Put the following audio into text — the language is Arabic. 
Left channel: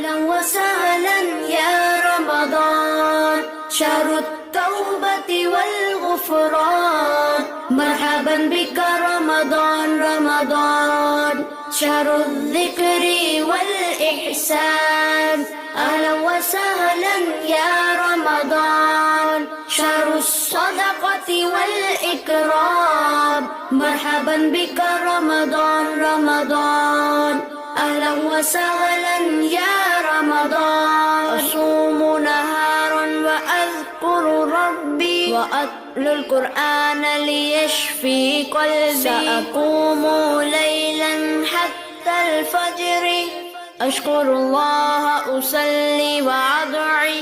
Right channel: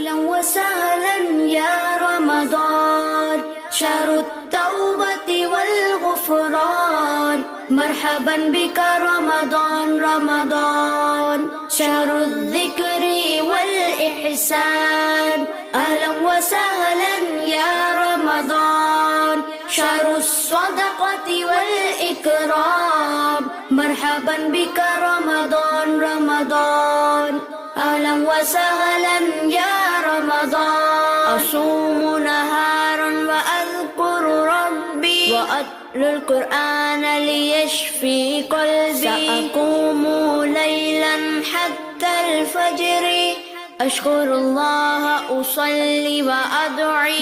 أهلا وسهلا يا رمضان، شهر التوبة والغفران. مرحبا بك رمضان رمضان، شهر الذكر والإحسان. أهلا وسهلا يا رمضان، شهر الصدقة والإكرام. مرحبا بك رمضان رمضان، أهلا وسهلا يا رمضان. أصوم نهارا وأذكر ربي، وأتلو القرآن ليشفي قلبي. سأقوم ليلا حتى الفجر، أشكر الله أصلي وأدعي